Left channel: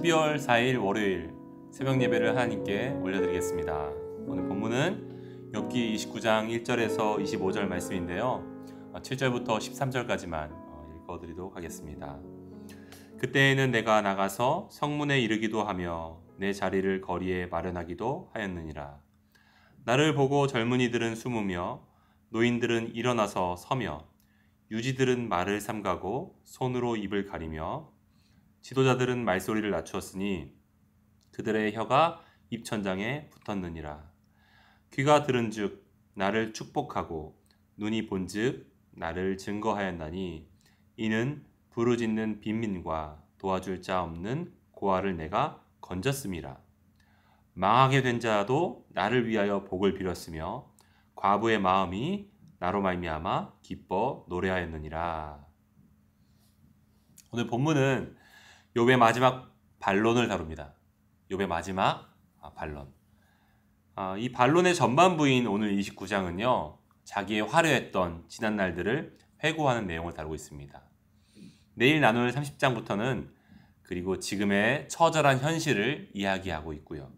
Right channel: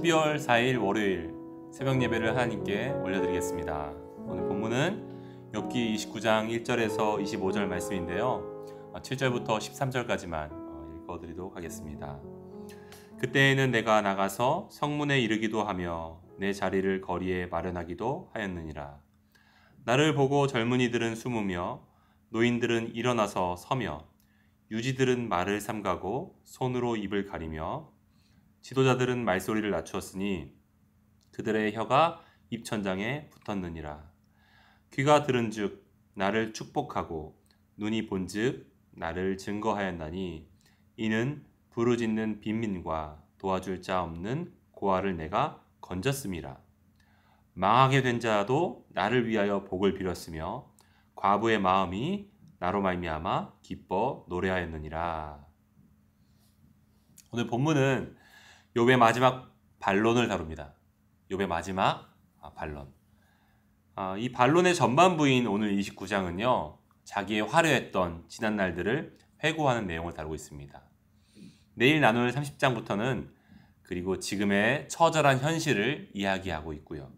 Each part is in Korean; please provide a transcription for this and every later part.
12월 4일 월요일 새벽 예배를 하나님께 올려드리겠습니다. 오늘 본문은 욥기 29장 1절에서 25절 말씀인데요. 7절부터 13절까지만 읽어드리도록 하겠습니다. 그때에는 내가 나가서 성문에 이르기도 하며 내 자리를 거리에 마련하기도 하였느니라. 나를 보고 젊은이들은 숨으며 노인들은 일어나서 서며 유지들은 말을 삼가고 손으로 입을 가리며 지도자들은 말소리를 낮추었으니 그들의 혀가 입천장에 붙었느니라. 귀가 들은즉 나를 축복하고 눈이 본즉 나를 증거하였나니 이는 부르짖는 빈민과 도와줄 자 없는 고아를 내가 건졌음이라. 망하게 된 자도 나를 위하여 복을 빌었으며 과부의 마음이 나로 말미암아 기뻐 노래하였느니라. 오늘 본문은 욥의 마지막 반론을 다룹니다. 욥의 마지막 반론. 이 반론의 전반부인 오늘 29장은요. 자기의 화려했던 지난 날들을 회고하는 내용을 다루고 있습니다. 내일 나눌 30장부터는 그리고 지금의 처절한 현실을 이야기하고 있고요.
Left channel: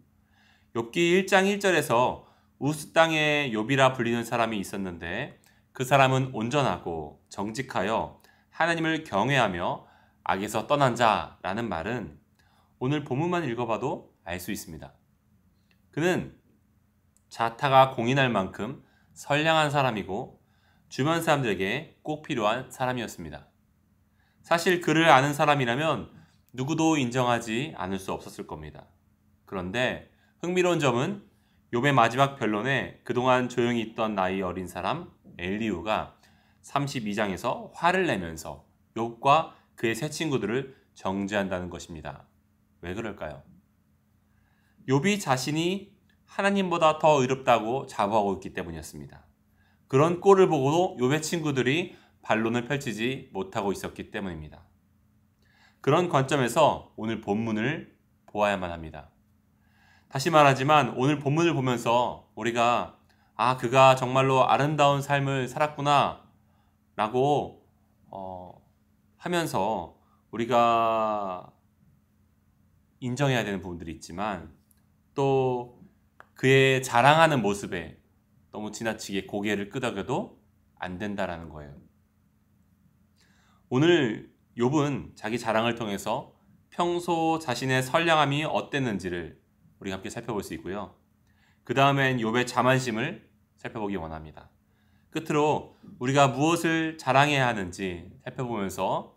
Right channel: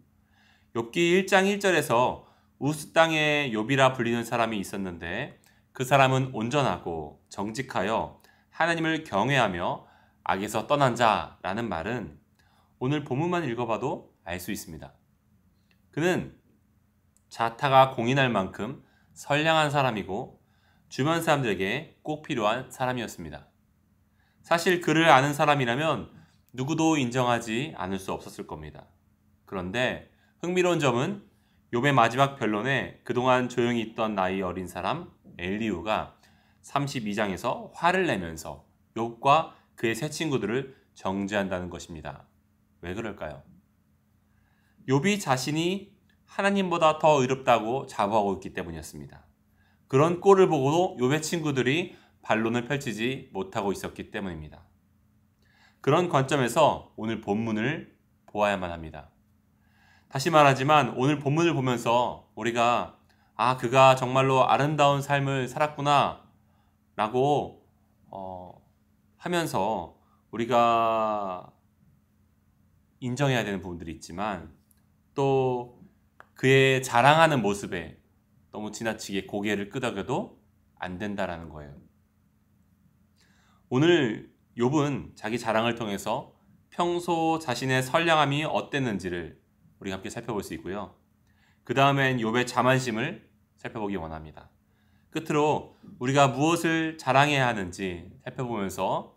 욥기 1장 1절에서 우스 땅에 욥이라 불리는 사람이 있었는데 그 사람은 온전하고 정직하여 하나님을 경외하며 악에서 떠난 자라는 말은 오늘 본문만 읽어봐도 알 수 있습니다. 그는 자타가 공인할 만큼 선량한 사람이고 주변 사람들에게 꼭 필요한 사람이었습니다. 사실 그를 아는 사람이라면 누구도 인정하지 않을 수 없었을 겁니다. 그런데 흥미로운 점은 욥의 마지막 변론에 그동안 조용히 있던 나이 어린 사람 엘리후가 32장에서 화를 내면서 욥과 그의 세 친구들을 정죄한다는 것입니다. 왜 그럴까요? 욥이 자신이 하나님보다 더 의롭다고 자부하고 있기 때문이었습니다. 그런 꼴을 보고도 욥의 친구들이 반론을 펼치지 못하고 있었기 때문입니다. 그런 관점에서 오늘 본문을 보아야만 합니다. 다시 말하지만 오늘 본문을 보면서 우리가 그가 정말로 아름다운 삶을 살았구나 라고 하면서 우리가 인정해야 되는 부분들이 있지만 또 그의 자랑하는 모습에 너무 지나치게 고개를 끄덕여도 안 된다라는 거예요. 오늘 욥은 자기 자랑을 통해서 평소 자신의 선량함이 어땠는지를 우리가 함께 살펴볼 수 있고요. 그 다음엔 욥의 자만심을 살펴보기 원합니다. 끝으로 우리가 무엇을 자랑해야 하는지 살펴보면서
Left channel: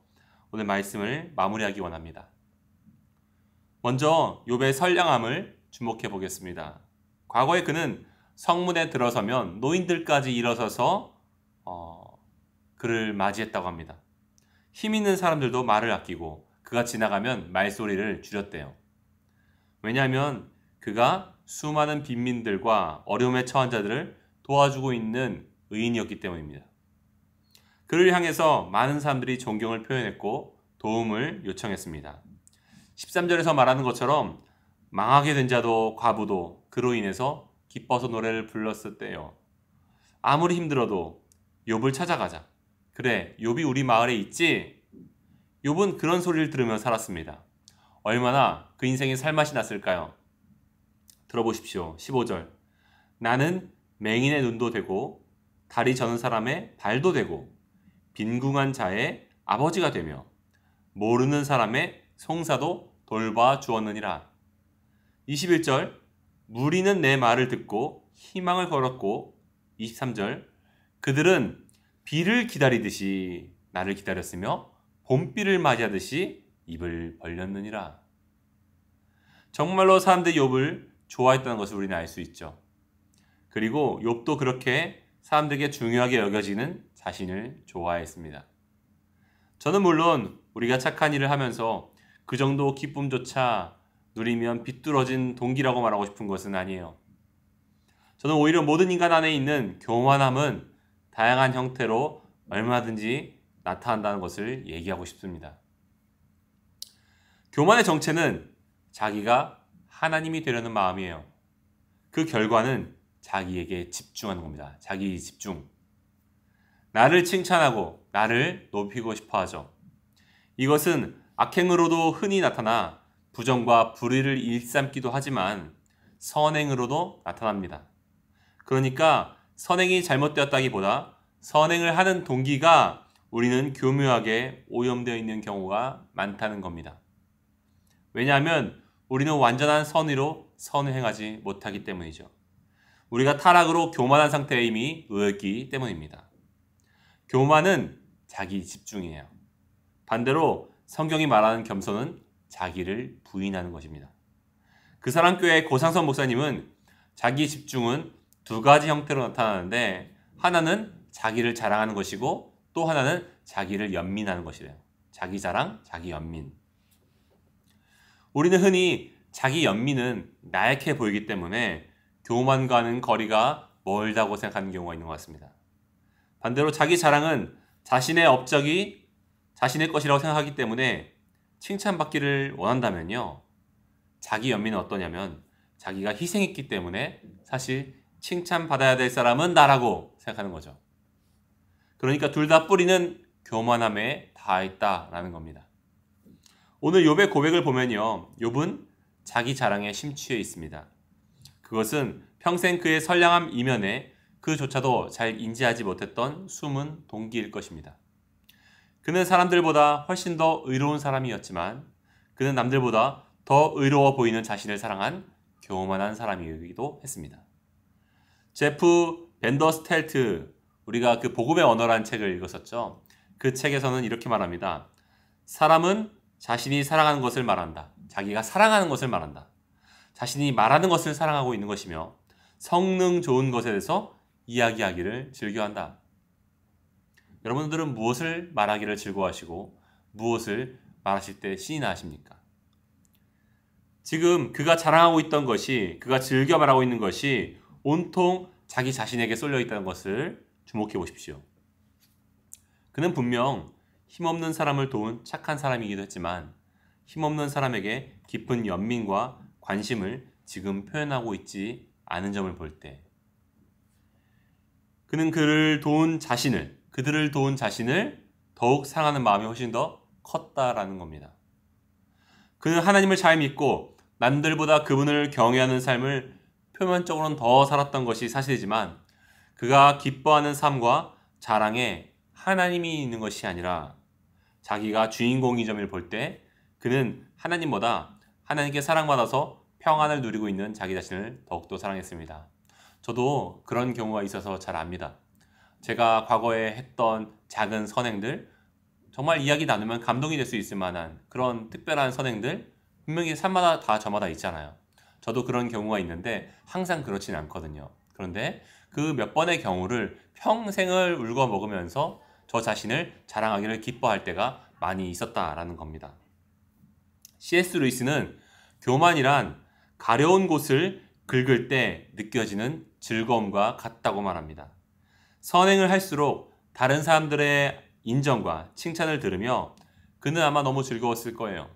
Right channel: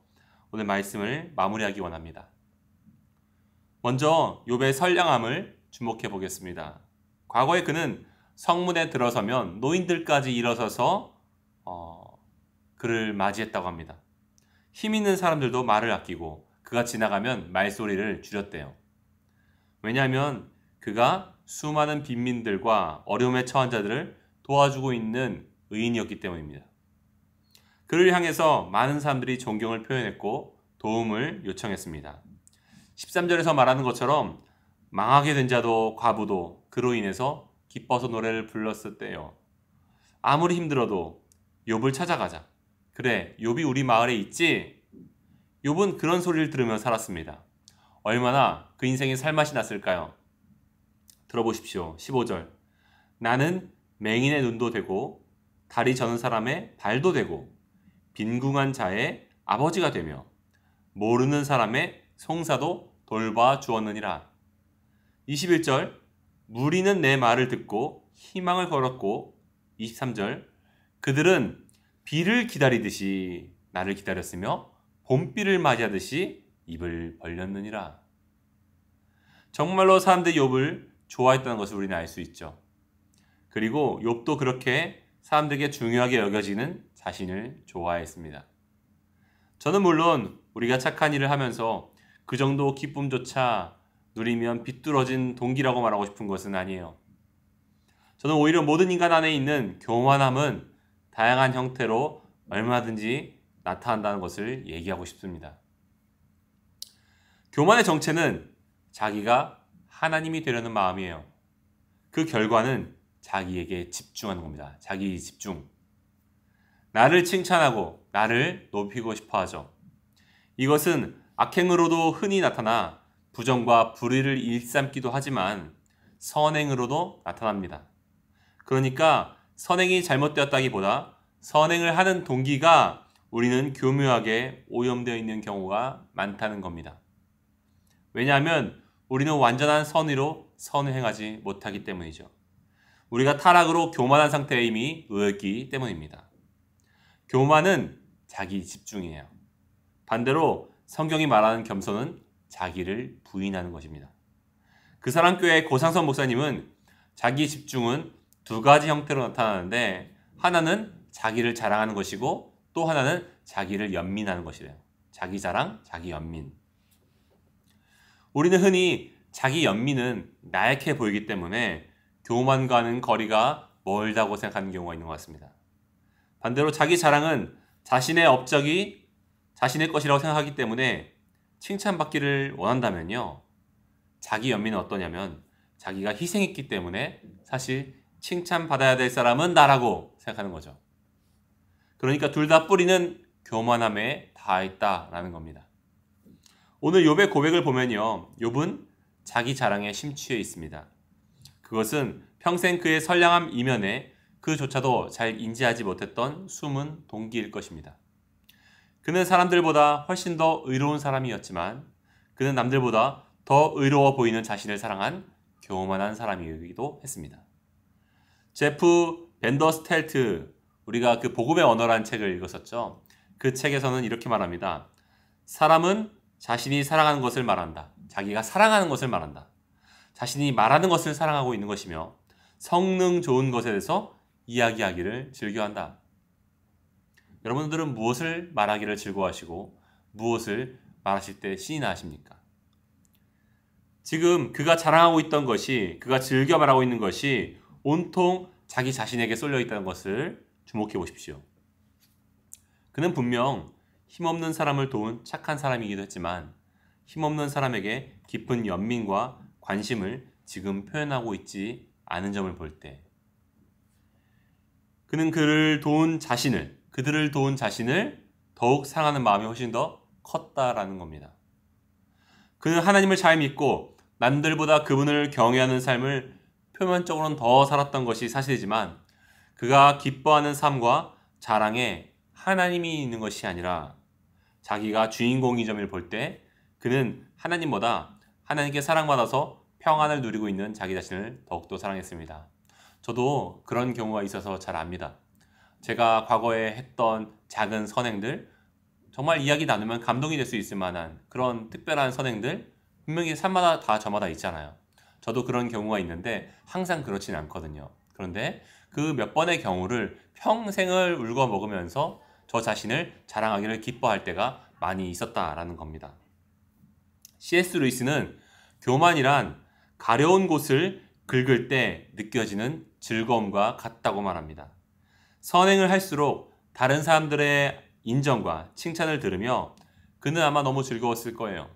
오늘 말씀을 마무리하기 원합니다. 먼저 욥의 선량함을 주목해 보겠습니다. 과거에 그는 성문에 들어서면 노인들까지 일어서서 그를 맞이했다고 합니다. 힘 있는 사람들도 말을 아끼고 그가 지나가면 말소리를 줄였대요. 왜냐하면 그가 수많은 빈민들과 어려움에 처한 자들을 도와주고 있는 의인이었기 때문입니다. 그를 향해서 많은 사람들이 존경을 표현했고 도움을 요청했습니다. 13절에서 말하는 것처럼 망하게 된 자도 과부도 그로 인해서 기뻐서 노래를 불렀을 때요. 아무리 힘들어도 욥을 찾아가자. 그래, 욥이 우리 마을에 있지? 욥은 그런 소리를 들으며 살았습니다. 얼마나 그 인생에 살맛이 났을까요? 들어보십시오. 15절. 나는 맹인의 눈도 되고 다리 저는 사람의 발도 되고 빈궁한 자의 아버지가 되며 모르는 사람의 송사도 돌봐 주었느니라. 21절. 무리는 내 말을 듣고 희망을 걸었고 23절. 그들은 비를 기다리듯이 나를 기다렸으며 봄비를 맞이하듯이 입을 벌렸느니라. 정말로 사람들이 욥을 좋아했다는 것을 우리는 알 수 있죠. 그리고 욥도 그렇게 사람들에게 중요하게 여겨지는 자신을 좋아했습니다. 저는 물론 우리가 착한 일을 하면서 그 정도 기쁨조차 누리면 비뚤어진 동기라고 말하고 싶은 것은 아니에요. 저는 오히려 모든 인간 안에 있는 교만함은 다양한 형태로 얼마든지 나타난다는 것을 얘기하고 싶습니다. 교만의 정체는 자기가 하나님이 되려는 마음이에요. 그 결과는 자기에게 집중하는 겁니다. 자기 집중. 나를 칭찬하고 나를 높이고 싶어 하죠. 이것은 악행으로도 흔히 나타나 부정과 불의를 일삼기도 하지만 선행으로도 나타납니다. 그러니까 선행이 잘못되었다기보다 선행을 하는 동기가 우리는 교묘하게 오염되어 있는 경우가 많다는 겁니다. 왜냐하면 우리는 완전한 선의로 선을 행하지 못하기 때문이죠. 우리가 타락으로 교만한 상태에 이미 놓였기 때문입니다. 교만은 자기 집중이에요. 반대로 성경이 말하는 겸손은 자기를 부인하는 것입니다. 그 사랑교회 고상선 목사님은 자기 집중은 두 가지 형태로 나타나는데 하나는 자기를 자랑하는 것이고 또 하나는 자기를 연민하는 것이래요. 자기 자랑, 자기 연민. 우리는 흔히 자기 연민은 나약해 보이기 때문에 교만과는 거리가 멀다고 생각하는 경우가 있는 것 같습니다. 반대로 자기 자랑은 자신의 업적이 자신의 것이라고 생각하기 때문에 칭찬받기를 원한다면요. 자기 연민은 어떠냐면 자기가 희생했기 때문에 사실 칭찬받아야 될 사람은 나라고 생각하는 거죠. 그러니까 둘 다 뿌리는 교만함에 닿아있다라는 겁니다. 오늘 욥의 고백을 보면요. 욥은 자기 자랑에 심취해 있습니다. 그것은 평생 그의 선량함 이면에 그조차도 잘 인지하지 못했던 숨은 동기일 것입니다. 그는 사람들보다 훨씬 더 의로운 사람이었지만 그는 남들보다 더 의로워 보이는 자신을 사랑한 교만한 사람이기도 했습니다. 제프 벤더스텔트, 우리가 그 복음의 언어라는 책을 읽었었죠. 그 책에서는 이렇게 말합니다. 사람은 자신이 사랑하는 것을 말한다. 자기가 사랑하는 것을 말한다. 자신이 말하는 것을 사랑하고 있는 것이며 성능 좋은 것에 대해서 이야기하기를 즐겨한다. 여러분들은 무엇을 말하기를 즐거워하시고 무엇을 말하실 때 신이 나십니까? 지금 그가 자랑하고 있던 것이, 그가 즐겨 말하고 있는 것이 온통 자기 자신에게 쏠려 있다는 것을 주목해 보십시오. 그는 분명 힘없는 사람을 도운 착한 사람이기도 했지만 힘없는 사람에게 깊은 연민과 관심을 지금 표현하고 있지 않은 점을 볼 때 그는 그들을 도운 자신을 더욱 사랑하는 마음이 훨씬 더 컸다라는 겁니다. 그는 하나님을 잘 믿고 남들보다 그분을 경외하는 삶을 표면적으로는 더 살았던 것이 사실이지만 그가 기뻐하는 삶과 자랑에 하나님이 있는 것이 아니라 자기가 주인공인 점을 볼 때 그는 하나님보다 하나님께 사랑받아서 평안을 누리고 있는 자기 자신을 더욱더 사랑했습니다. 저도 그런 경우가 있어서 잘 압니다. 제가 과거에 했던 작은 선행들, 정말 이야기 나누면 감동이 될 수 있을 만한 그런 특별한 선행들 분명히 삶마다 다 저마다 있잖아요. 저도 그런 경우가 있는데 항상 그렇지는 않거든요. 그런데 그 몇 번의 경우를 평생을 울고 먹으면서 저 자신을 자랑하기를 기뻐할 때가 많이 있었다라는 겁니다. C.S. 루이스는 교만이란 가려운 곳을 긁을 때 느껴지는 즐거움과 같다고 말합니다. 선행을 할수록 다른 사람들의 인정과 칭찬을 들으며 그는 아마 너무 즐거웠을 거예요.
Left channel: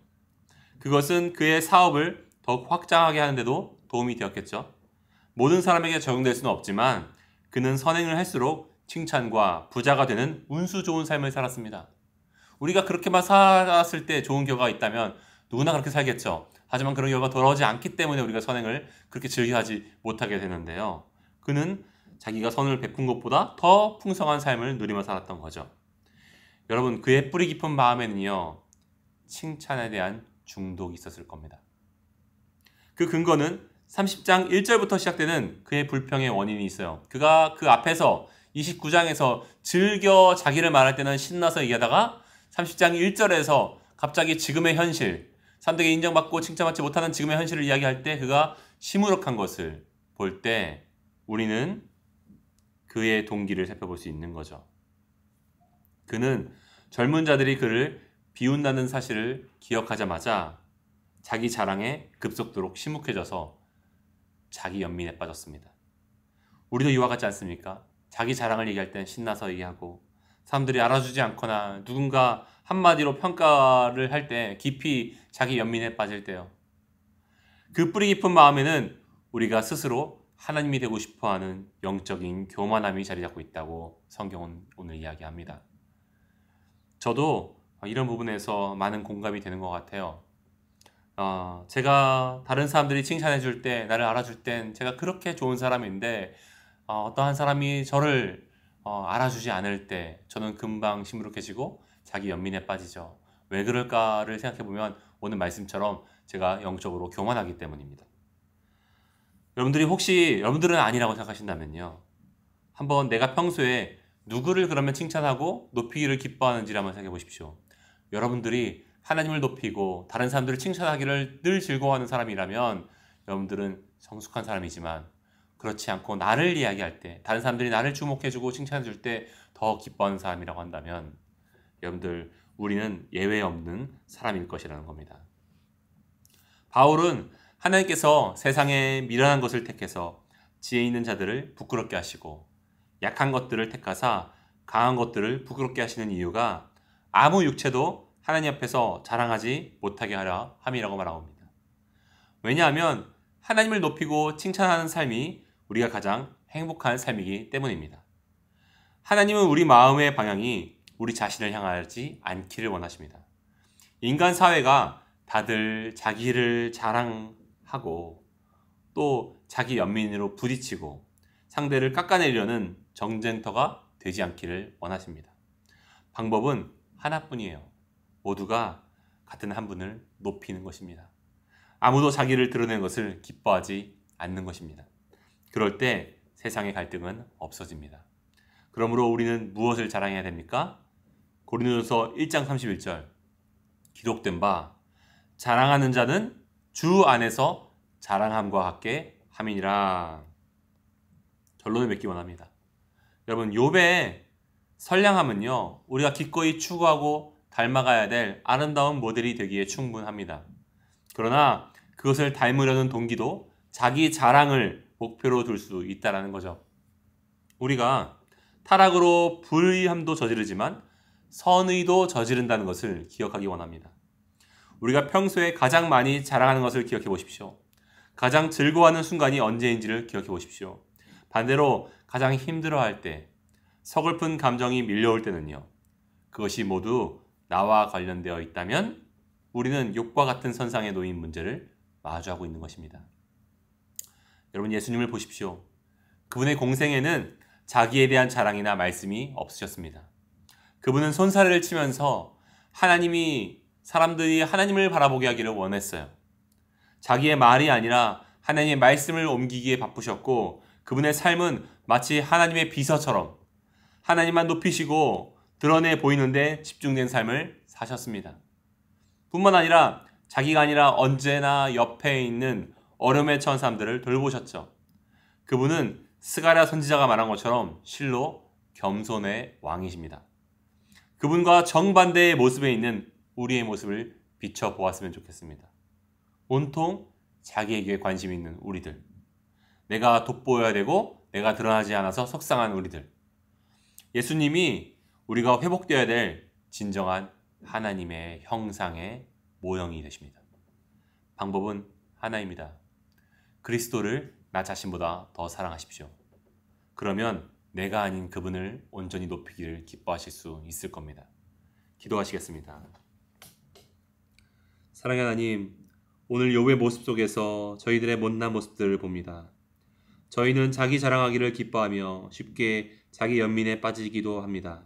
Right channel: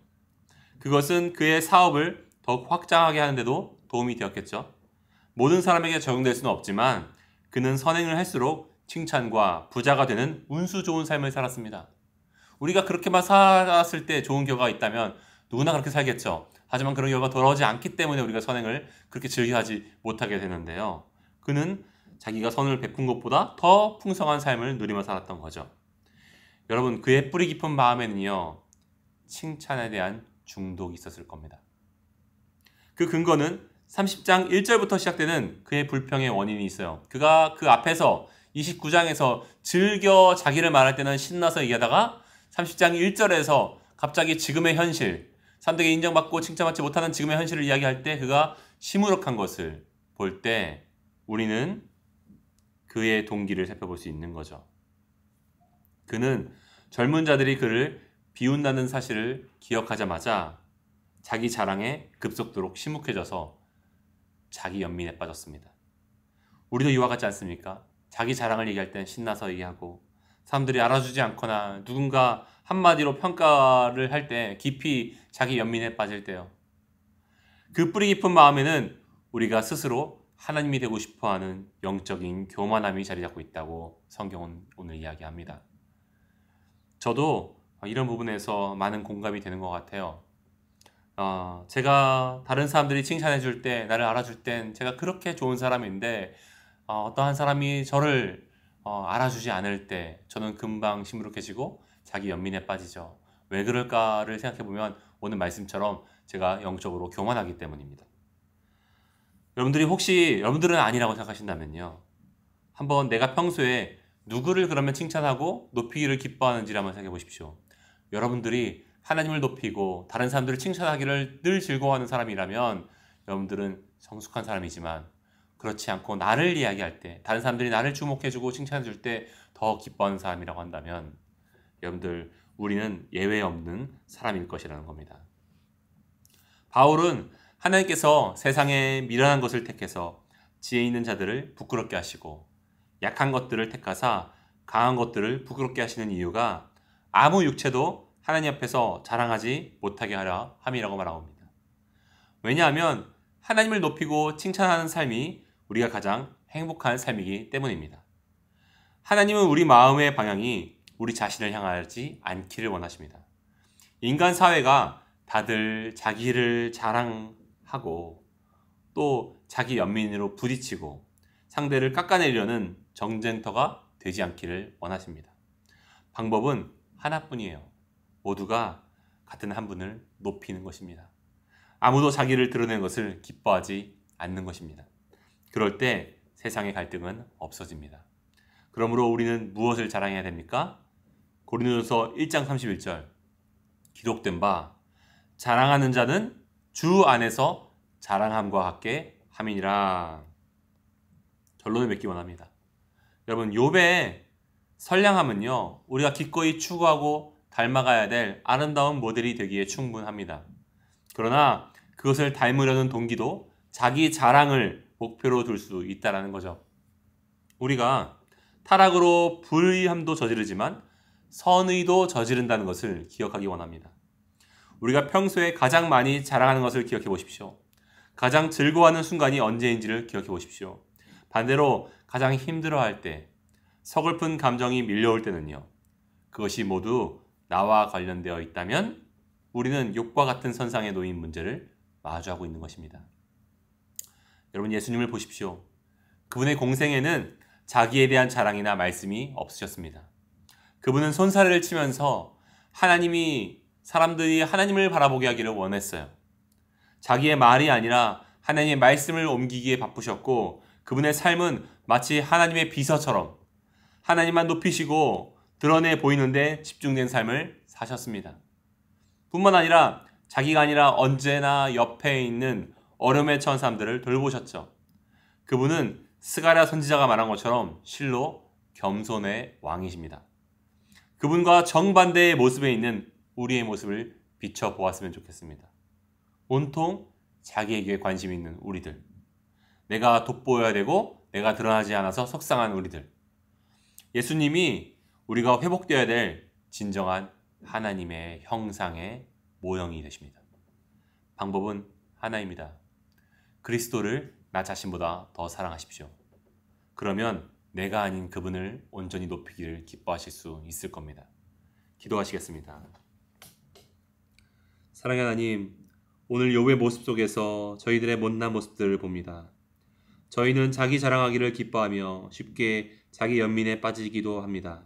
그것은 그의 사업을 더욱 확장하게 하는데도 도움이 되었겠죠. 모든 사람에게 적용될 수는 없지만 그는 선행을 할수록 칭찬과 부자가 되는 운수 좋은 삶을 살았습니다. 우리가 그렇게만 살았을 때 좋은 결과가 있다면 누구나 그렇게 살겠죠. 하지만 그런 결과가 돌아오지 않기 때문에 우리가 선행을 그렇게 즐겨하지 못하게 되는데요. 그는 자기가 선을 베푼 것보다 더 풍성한 삶을 누리며 살았던 거죠. 여러분, 그의 뿌리 깊은 마음에는요, 칭찬에 대한 중독이 있었을 겁니다. 그 근거는 30장 1절부터 시작되는 그의 불평의 원인이 있어요. 그가 그 앞에서 29장에서 즐겨 자기를 말할 때는 신나서 얘기하다가 30장 1절에서 갑자기 지금의 현실, 사람들에게 인정받고 칭찬받지 못하는 지금의 현실을 이야기할 때 그가 시무룩한 것을 볼 때 우리는 그의 동기를 살펴볼 수 있는 거죠. 그는 젊은 자들이 그를 비운다는 사실을 기억하자마자 자기 자랑에 급속도로 심욱해져서 자기 연민에 빠졌습니다. 우리도 이와 같지 않습니까? 자기 자랑을 얘기할 땐 신나서 얘기하고 사람들이 알아주지 않거나 누군가 한마디로 평가를 할 때 깊이 자기 연민에 빠질 때요. 그 뿌리 깊은 마음에는 우리가 스스로 하나님이 되고 싶어하는 영적인 교만함이 자리 잡고 있다고 성경은 오늘 이야기합니다. 저도 이런 부분에서 많은 공감이 되는 것 같아요. 제가 다른 사람들이 칭찬해 줄 때, 나를 알아줄 땐 제가 그렇게 좋은 사람인데, 어떠한 사람이 저를 알아주지 않을 때 저는 금방 시무룩해지고 자기 연민에 빠지죠. 왜 그럴까를 생각해 보면 오늘 말씀처럼 제가 영적으로 교만하기 때문입니다. 여러분들은 아니라고 생각하신다면요. 한번 내가 평소에 누구를 그러면 칭찬하고 높이기를 기뻐하는지를 한번 생각해 보십시오. 여러분들이 하나님을 높이고 다른 사람들을 칭찬하기를 늘 즐거워하는 사람이라면 여러분들은 성숙한 사람이지만, 그렇지 않고 나를 이야기할 때, 다른 사람들이 나를 주목해주고 칭찬해줄 때 더 기뻐하는 사람이라고 한다면 여러분들, 우리는 예외 없는 사람일 것이라는 겁니다. 바울은 하나님께서 세상에 미련한 것을 택해서 지혜 있는 자들을 부끄럽게 하시고 약한 것들을 택하사 강한 것들을 부끄럽게 하시는 이유가 아무 육체도 하나님 앞에서 자랑하지 못하게 하려 함이라고 말합니다. 왜냐하면 하나님을 높이고 칭찬하는 삶이 우리가 가장 행복한 삶이기 때문입니다. 하나님은 우리 마음의 방향이 우리 자신을 향하지 않기를 원하십니다. 인간 사회가 다들 자기를 자랑하고 또 자기 연민으로 부딪히고 상대를 깎아내리려는 정쟁터가 되지 않기를 원하십니다. 방법은 하나뿐이에요. 모두가 같은 한 분을 높이는 것입니다. 아무도 자기를 드러내는 것을 기뻐하지 않는 것입니다. 그럴 때 세상의 갈등은 없어집니다. 그러므로 우리는 무엇을 자랑해야 됩니까? 고린도전서 1장 31절 기록된 바 자랑하는 자는 주 안에서 자랑함과 같게 함이니라. 결론을 맺기 원합니다. 여러분, 욥의 선량함은요, 우리가 기꺼이 추구하고 닮아가야 될 아름다운 모델이 되기에 충분합니다. 그러나 그것을 닮으려는 동기도 자기 자랑을 목표로 둘 수 있다는 거죠. 우리가 타락으로 불의함도 저지르지만 선의도 저지른다는 것을 기억하기 원합니다. 우리가 평소에 가장 많이 자랑하는 것을 기억해 보십시오. 가장 즐거워하는 순간이 언제인지를 기억해 보십시오. 반대로 가장 힘들어할 때, 서글픈 감정이 밀려올 때는요, 그것이 모두 나와 관련되어 있다면 우리는 욥과 같은 선상에 놓인 문제를 마주하고 있는 것입니다. 여러분, 예수님을 보십시오. 그분의 공생에는 자기에 대한 자랑이나 말씀이 없으셨습니다. 그분은 손사래를 치면서 사람들이 하나님을 바라보게 하기를 원했어요. 자기의 말이 아니라 하나님의 말씀을 옮기기에 바쁘셨고, 그분의 삶은 마치 하나님의 비서처럼 하나님만 높이시고 드러내 보이는데 집중된 삶을 사셨습니다. 뿐만 아니라 자기가 아니라 언제나 옆에 있는 어려움에 처한 사람들을 돌보셨죠. 그분은 스가랴 선지자가 말한 것처럼 실로 겸손의 왕이십니다. 그분과 정반대의 모습에 있는 우리의 모습을 비춰보았으면 좋겠습니다. 온통 자기에게 관심 있는 우리들, 내가 돋보여야 되고 내가 드러나지 않아서 속상한 우리들, 예수님이 우리가 회복되어야 될 진정한 하나님의 형상의 모형이 되십니다. 방법은 하나입니다. 그리스도를 나 자신보다 더 사랑하십시오. 그러면 내가 아닌 그분을 온전히 높이기를 기뻐하실 수 있을 겁니다. 기도하시겠습니다. 사랑의 하나님, 오늘 욥의 모습 속에서 저희들의 못난 모습들을 봅니다. 저희는 자기 자랑하기를 기뻐하며 쉽게 자기 연민에 빠지기도 합니다.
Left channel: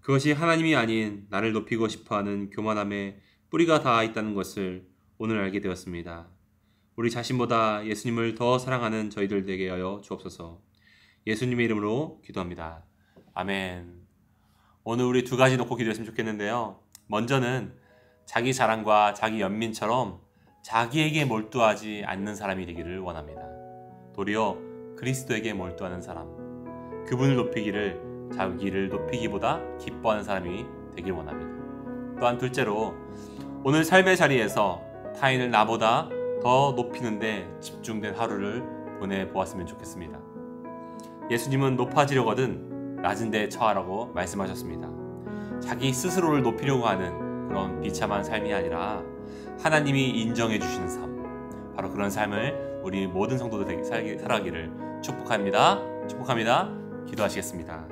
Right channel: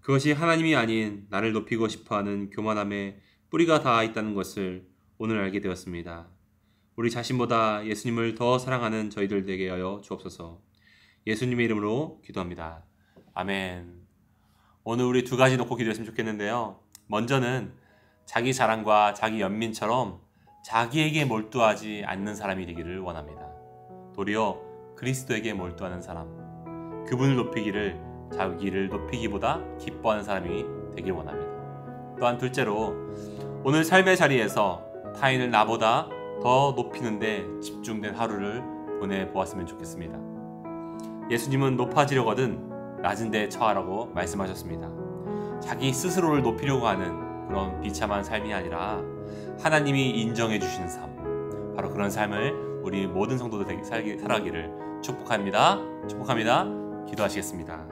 그것이 하나님이 아닌 나를 높이고 싶어하는 교만함에 뿌리가 닿아 있다는 것을 오늘 알게 되었습니다. 우리 자신보다 예수님을 더 사랑하는 저희들 되게 하여 주옵소서. 예수님의 이름으로 기도합니다. 아멘. 오늘 우리 두 가지 놓고 기도했으면 좋겠는데요. 먼저는 자기 자랑과 자기 연민처럼 자기에게 몰두하지 않는 사람이 되기를 원합니다. 도리어 그리스도에게 몰두하는 사람, 그분을 높이기를 자기를 높이기보다 기뻐하는 사람이 되길 원합니다. 또한 둘째로, 오늘 삶의 자리에서 타인을 나보다 더 높이는데 집중된 하루를 보내보았으면 좋겠습니다. 예수님은 높아지려거든 낮은 데 처하라고 말씀하셨습니다. 자기 스스로를 높이려고 하는 그런 비참한 삶이 아니라 하나님이 인정해 주시는 삶, 바로 그런 삶을 우리 모든 성도들에게 살아가기를 축복합니다. 기도하시겠습니다.